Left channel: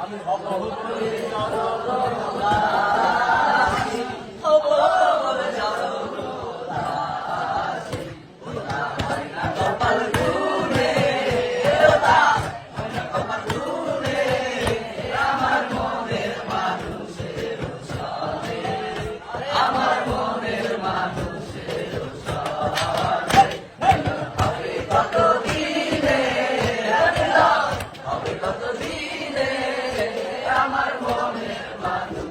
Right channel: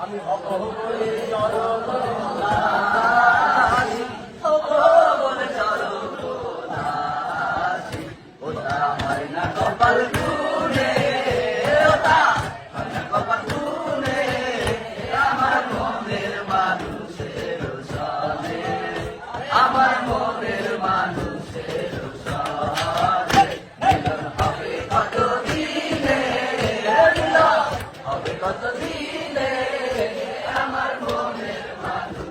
আমি সকল কত আমার মনে মানুষ